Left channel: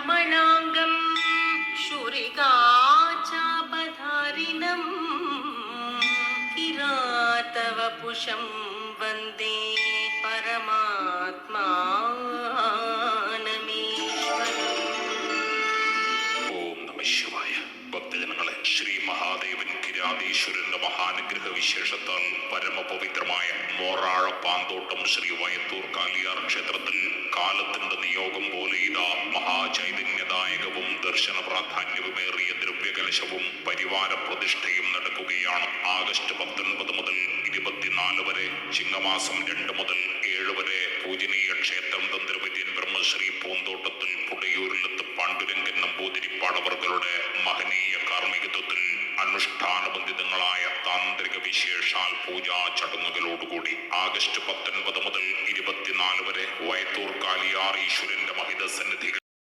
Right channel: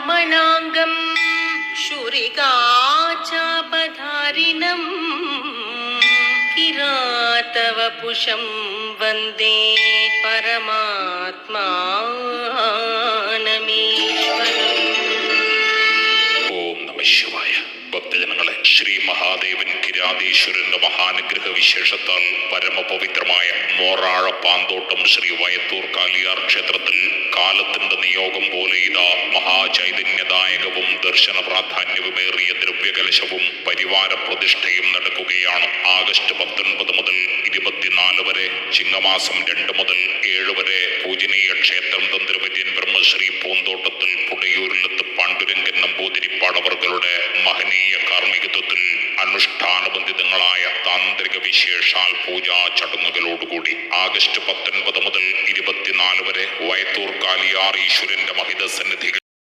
വാമനാംഗം ശൂരികാചാപധാരിണം കിരാതവപുഷം വന്ദേ പരമാത്മാനമീശ്വരം. ഓം നമഃ ശിവായ. ഭക്തജനങ്ങളെ, ശ്രീ മഹാദേവൻ കിരാതീശ്വരന്റെ മഹാനുഗ്രഹ വിശേഷത്താൽ പരമപവിത്രമായ മോറാഴ പാന്തോട്ടം ശ്രീ വയത്തൂർ കാലിയാർ ക്ഷേത്രത്തിൽ കാലത്തിന്റെ നിയോഗം പോലെ ഇതാ മഹാചൈതന്യദായകവും ദർശന പ്രാധാന്യവുമേറിയ ദ്രവ്യകലശവും പരിവാര പ്രതിഷ്ഠയും നടക്കുകയാണ്. ആഗസ്റ്റ് 19 മുതൽ 24 വരെ, ചിങ്ങമാസം 2 മുതൽ 7 വരെ പൂജനീയ ക്ഷേത്രം തന്ത്രവിദ്യൻ ബ്രഹ്മശ്രീ പൂന്തോട്ടത്തിൽ പുടയൂരിലത്ത് പാണ്ഡുരംഗൻ നമ്പൂതിരിപ്പാടവർകളുടെ മഹനീയ കാർമ്മികത്വത്തിൽ അനുഷ്ഠാനബന്ധിതങ്ങളായ താന്ത്രിക വിശേഷാൽ പൂജാ ചടങ്ങുകളോടുകൂടി ആഗസ്റ്റ് 19 മുതൽ 24 വരെ വയത്തൂർ കാലിയാർ ഈശ്വരന്റെ മഹിത സന്നിധികൾ